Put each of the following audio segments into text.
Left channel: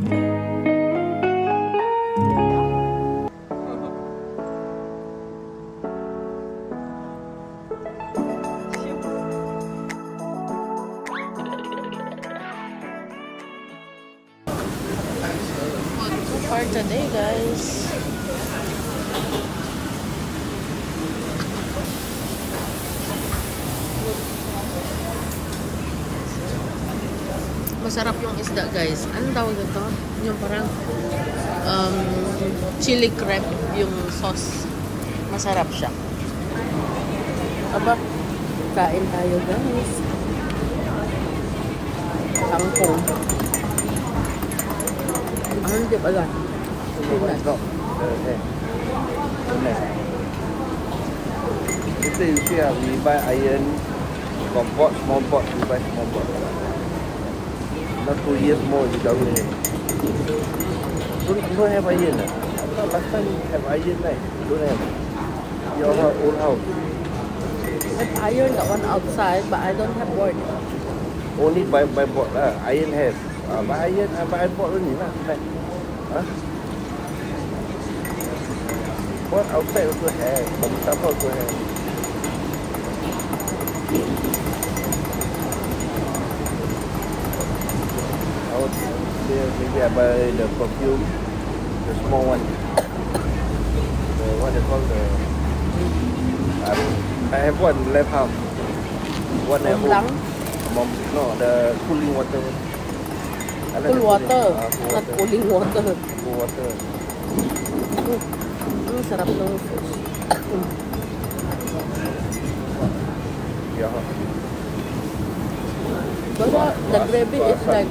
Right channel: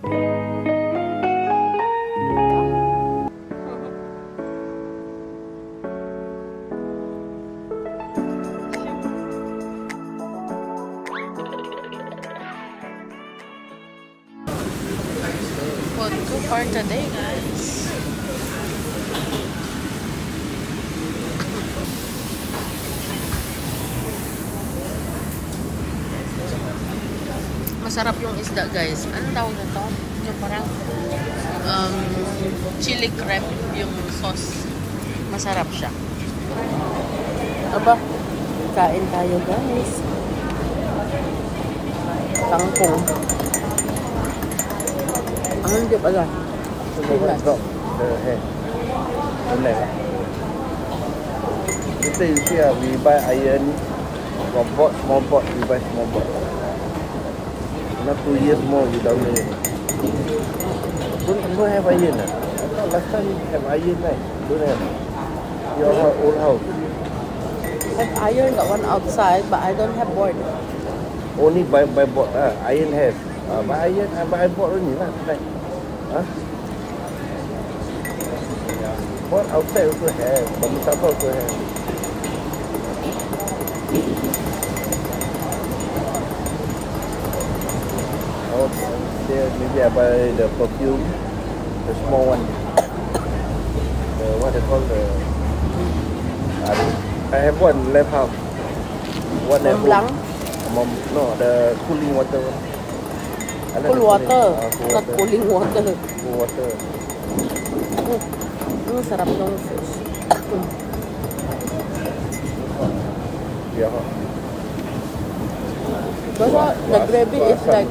For today, guys. Masarap yung isda, guys. Ano tawag ito? Yung parang chili crab yung sauce. Masarap siya. Aba, kain tayo, guys. Kangkong. Hindi pala. Pilat. So you see, we buy iron, the pot, small pot, we buy small pot. Not 2 years more without it. Don't have iron. Last time we have iron, right? Don't have. Your own house. I have iron, the one outside, but I don't have board. Only by board. Iron has. Iron, by board only, not right. What outside also have, from some also have. There by the perfume, the small one. What they call the? I have one left half. Mont Blanc? No, the cooling water. Cool water, not cooling water. Cooling water. Sarap nung fish. Yeah. But the gravy is like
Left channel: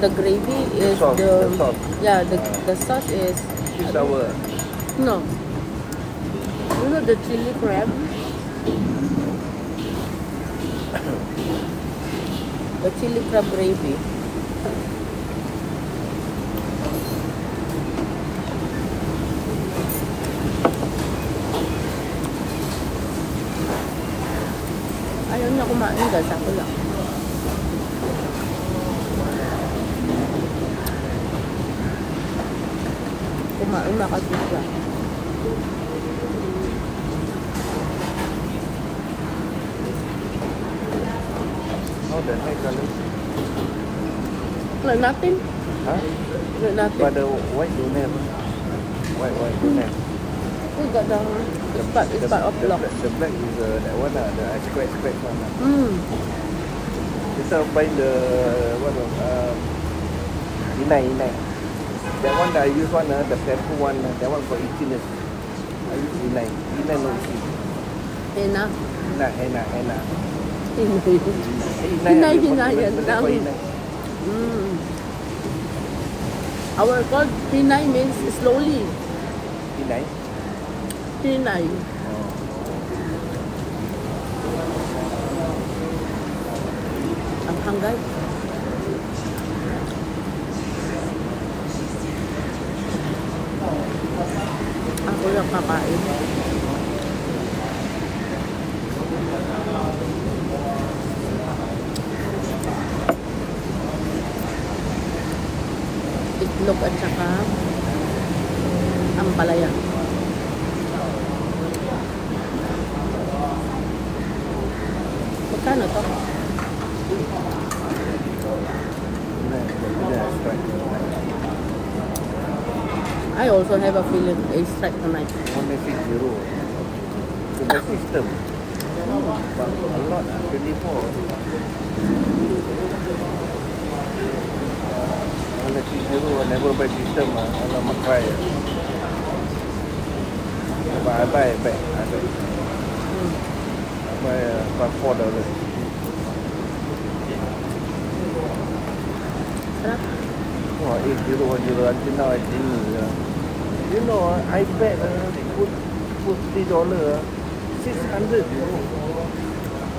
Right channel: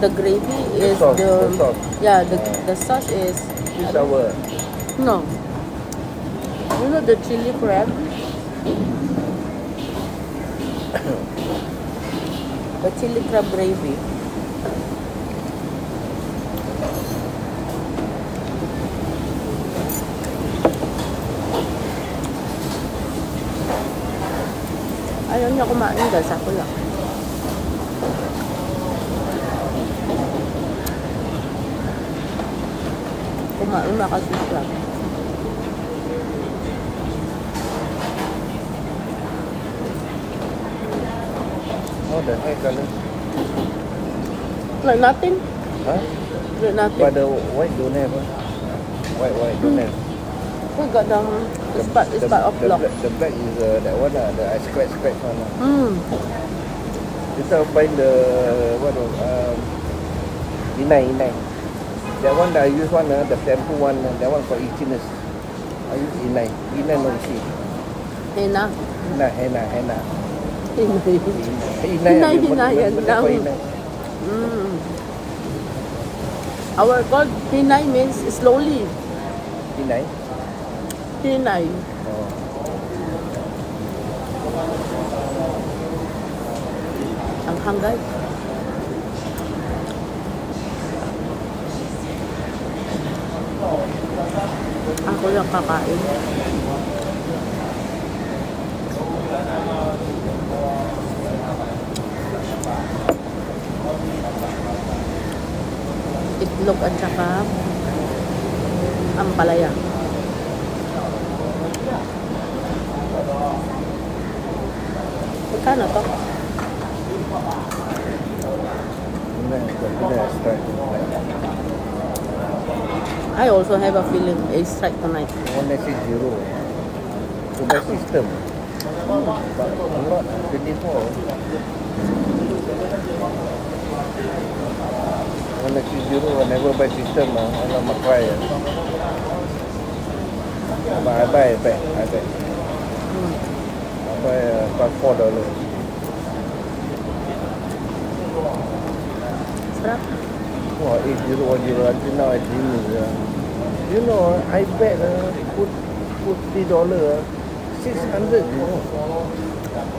the gravy is the sauce is no. You know the chili crab? The chili crab gravy. Ayaw niya kumain guys, ako lang. Kumain na kasi siya. Like nothing? Huh? Like nothing. But the white don't have. White don't have. We got the spot is part of block. The black is that one, the scratch one. Instead of buying the what inai. That one I use one, the purple one, that one for itchiness. I use inai no see. Henna. Henna. Hinay yan lang. Our called hinay means slowly. Inai? Hinay. Ang hangay. Ako lang kakain. Itlog at saka ampalaya. Magkano to? I also have a feeling a strike tonight. One message zero. So the system. Not 24. One message zero whenever by system on the price. I buy. I buy about $4. Sarap. Oh, 8010 until now I think you know I bet $50, 600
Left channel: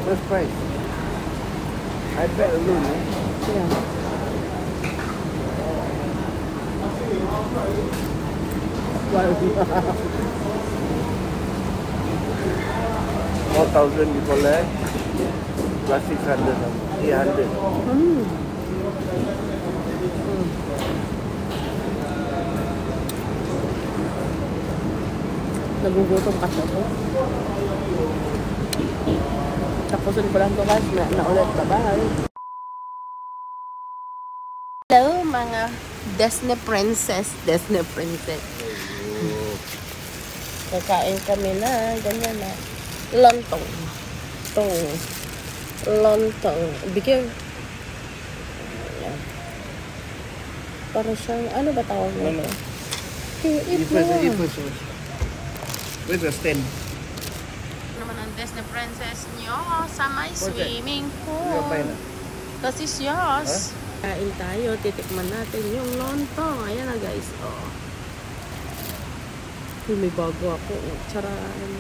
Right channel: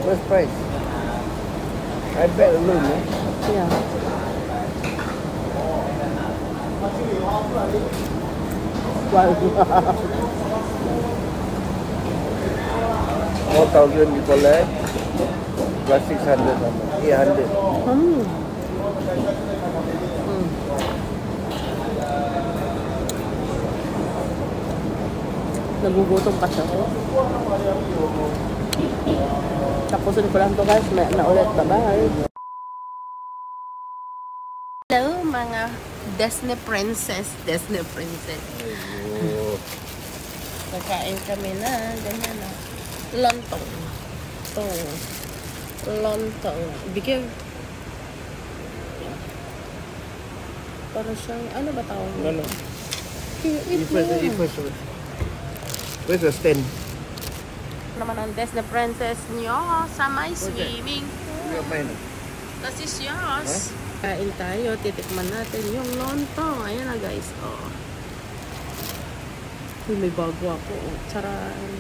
first price. I bet alone. Yeah. Wow. 4,000 before that plus 600. 800. Nagugutom kasi ako. Tapusin ko lang to guys. May na ulit. Bye-bye. Hello mga Disney princess. Kakain kami na. Ganyan na. Lontong. Lontong. Bigyan. Para siyang, ano ba tawag mo? No. Eat First. Where's the stand? naman ang Disney princess nyo sa may swimming pool. This is yours. Kain tayo. Titikman natin yung lontong. Ayan na guys. Oh. Uy, may bago ako. Oh, charan.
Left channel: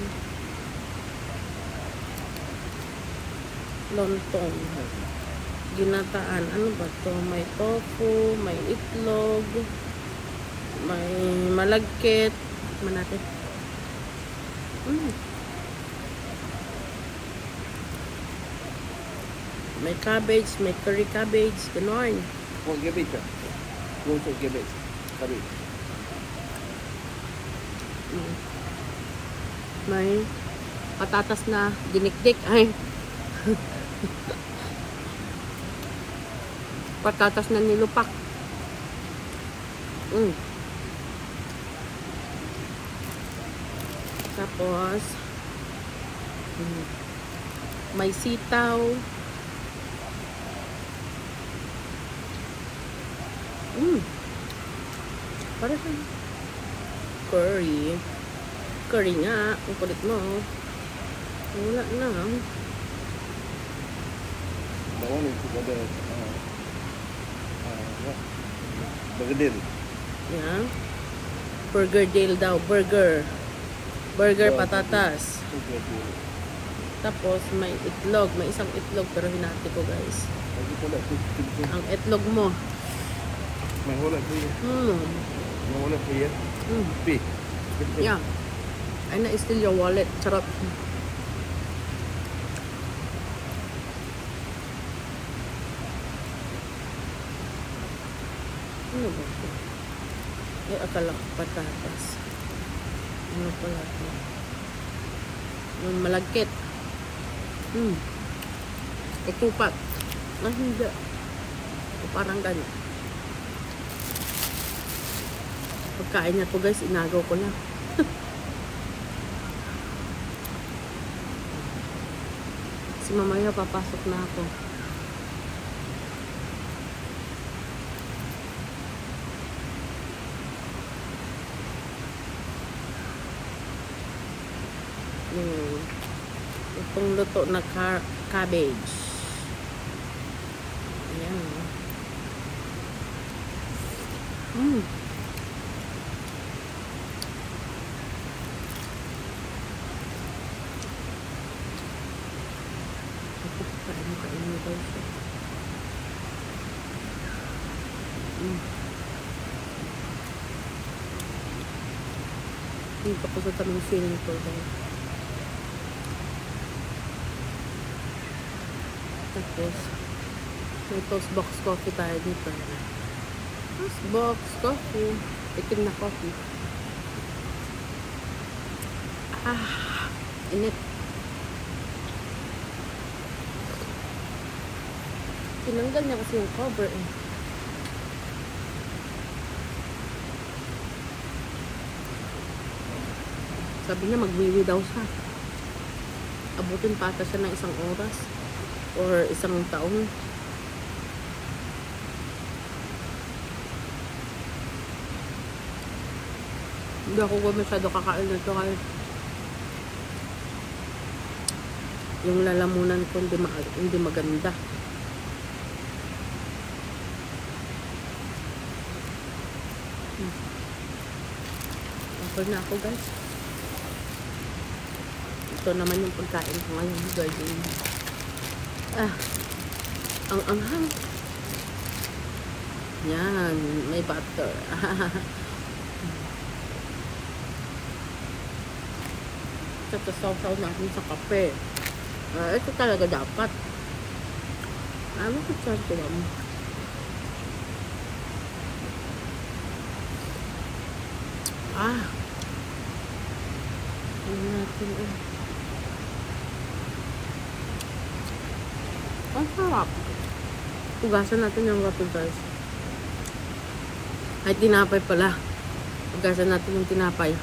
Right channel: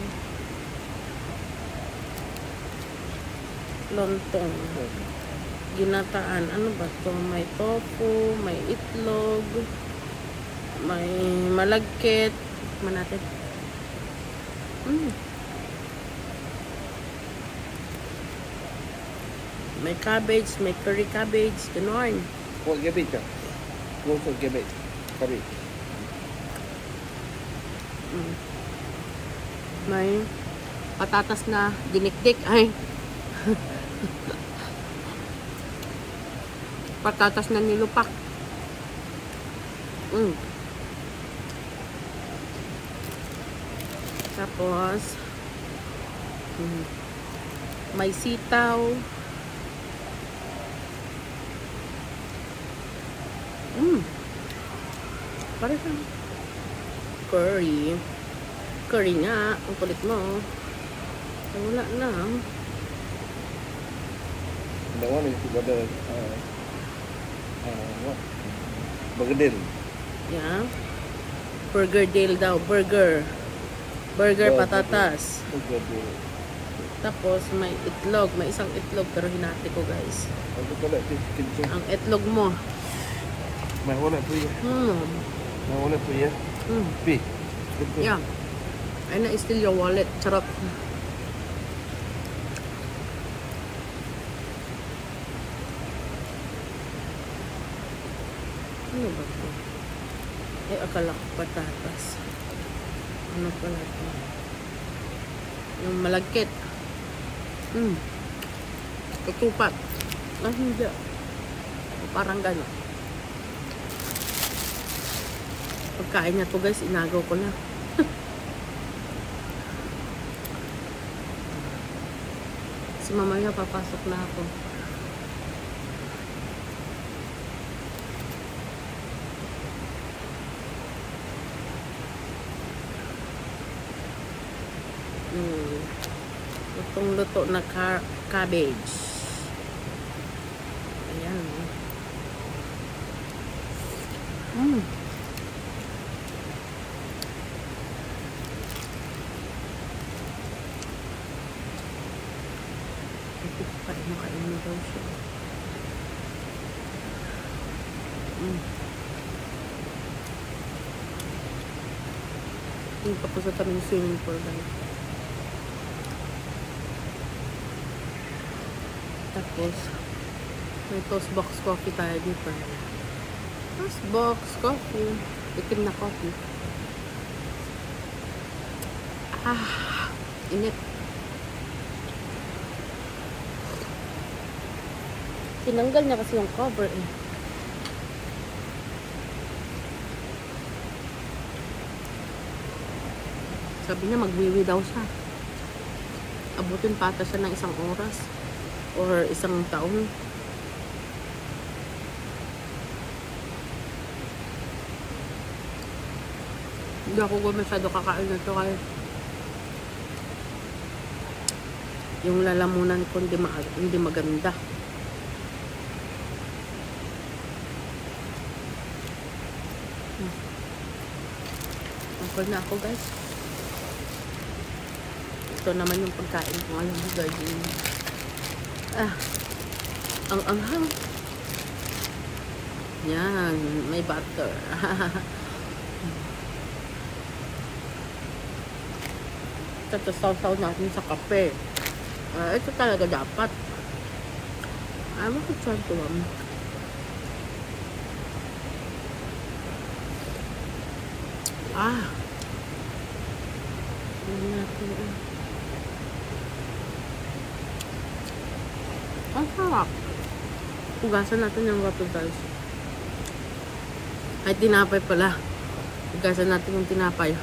Lontong. Ginataan. Ano ba to? May tofu, may itlog, may malagkit. Tikman natin. May cabbage, may curry cabbage, ganon. What cabbage? No cabbage. Cabbage. May patatas na dinikdik. Ay. Patatas na nilupak. Tapos may sitaw. Parang curry. Curry nga. Ang kulit mo. Wala na. The one is the Bergedil. Yeah. Burgerdale daw. Burger patatas. Tapos may itlog. May isang itlog pero hinati ko guys. Ang itlog mo. Yeah. Ay na steal your wallet. Charot. Ano ba ito? Ay, akala ko patatas. Ano pala ito? Yung malagkit. Ketupat. Hindi. O parang gano'n. Pagkain niya to guys, inagaw ko lang. Kasi mamaya papasok na ako. Yung lutong-luto na cabbage. Ayan o. Kainin daw siya. Hindi pa po sa taming swimming pool guys. Tapos may toast box coffee tayo dito. Toast box coffee. Itim na coffee. Init. Tinanggal na kasi yung cover eh. Sabi niya magwiwi daw siya. Abutin patasan ng 1 oras or 1 taon. Hindi ako masyado kakain na ito kaya yung lalamunan ko hindi maganda. Okay na ako guys. Ito naman yung pagkain ko ngayon. Garden. Ang anghang. Yan. May butter. Ito sausaw natin sa kape. Ito talaga dapat. Bakit sartuwam? Tignan natin. Ang sarap. Pugasan natin yung rapid guys. Ay, tinapay pala. Pugasan natin yung tinapay.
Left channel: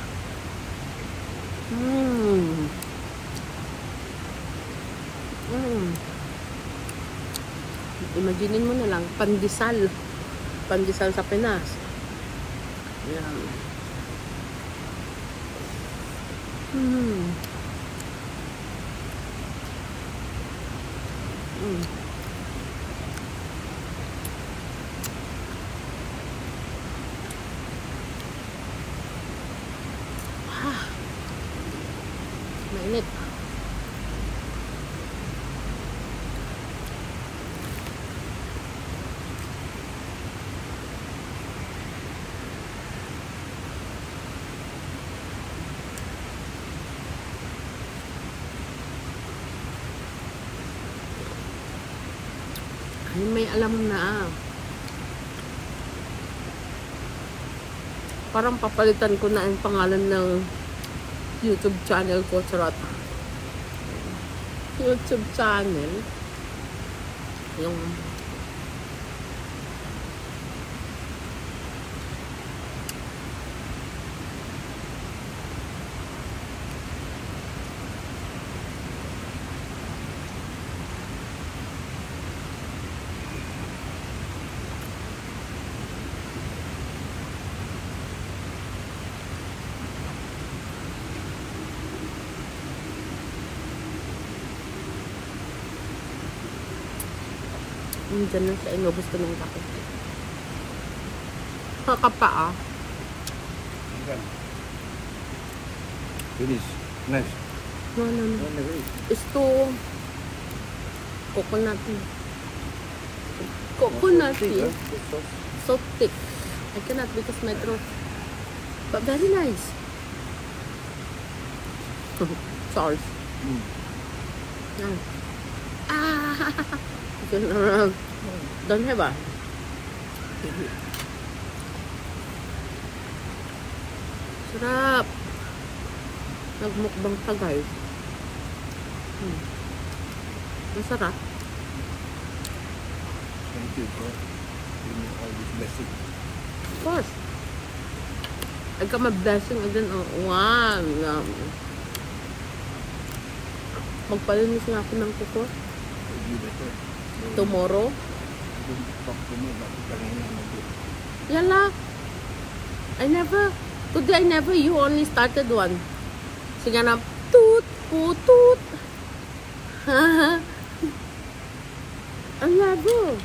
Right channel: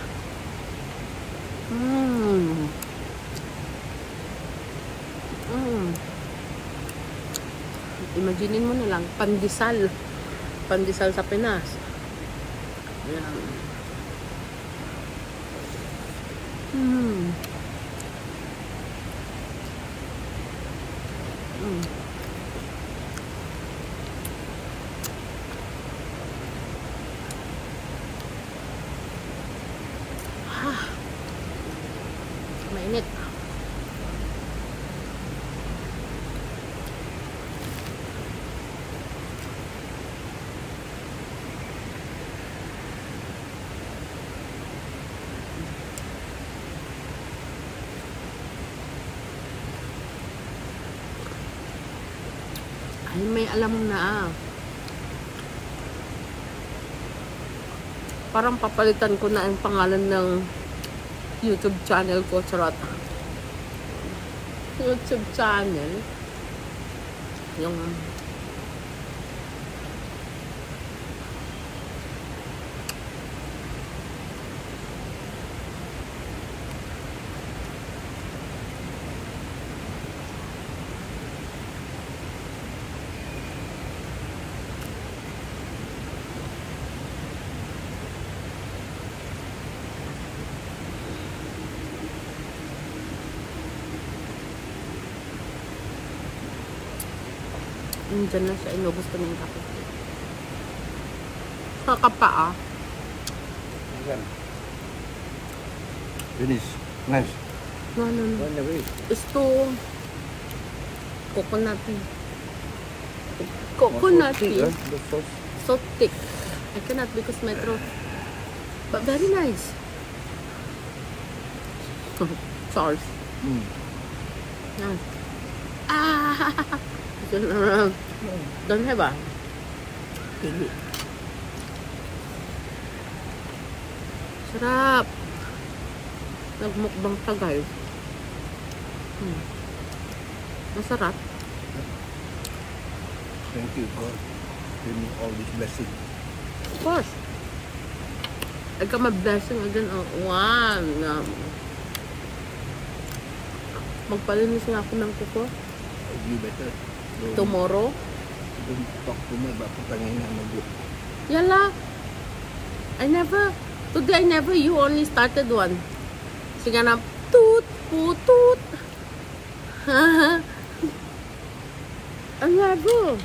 Imaginin mo na lang, pandesal. Pandesal sa Pinas. Ayan. Mainit. Ay, may alam na. Parang papalitan ko na ang pangalan ng YouTube channel ko. Charot. YouTube channel. Yung dyan na siya. Inubos ko na yung kape. Kakapa Finish. Nice. No. It's too coconutty. So thick. I cannot because my throat. But very nice. Sauce. Nice. Don't have Sarap. Nagmukbang pa guys. Masarap. Thank you for all this blessing. Of course. I got my blessing again. Wow. Magpalinis nga ako ng kuko. You better. Tomorrow. Don't talk to me about kanina. Yala. Today I never, you only started one. Sige na, toot, putut. Ang lago.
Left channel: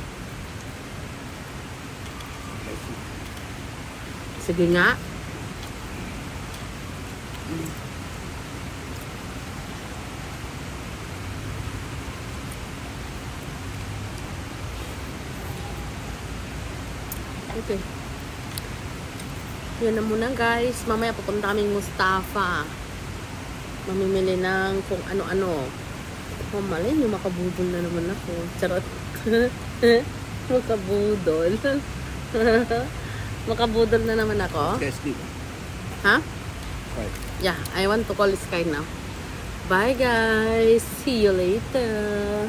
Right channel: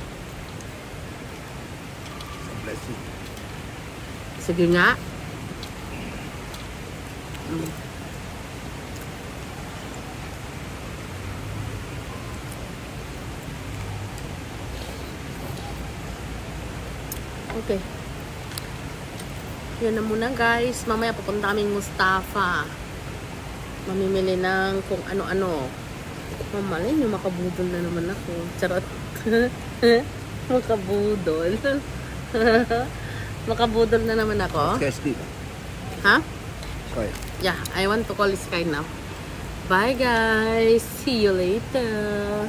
Sige nga. Okay. Yun na muna guys. Mamaya pupunta kaming Mustafa. Mamimili ng kung ano-ano. Mamalay nyo, makabudol na naman ako. Charot. Makabudol. Makabudol na naman ako. Ha? Sorry. Yeah, I want to call Sky now. Bye guys. See you later.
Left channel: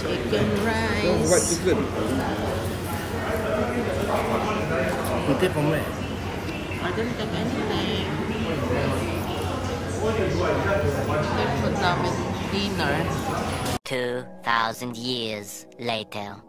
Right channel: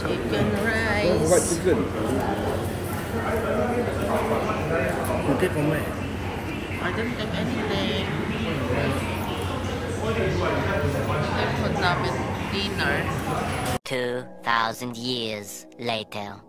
Chicken rice. What chicken? Okay, from where? I didn't take anything. Food namin dinner. 2,000 years later.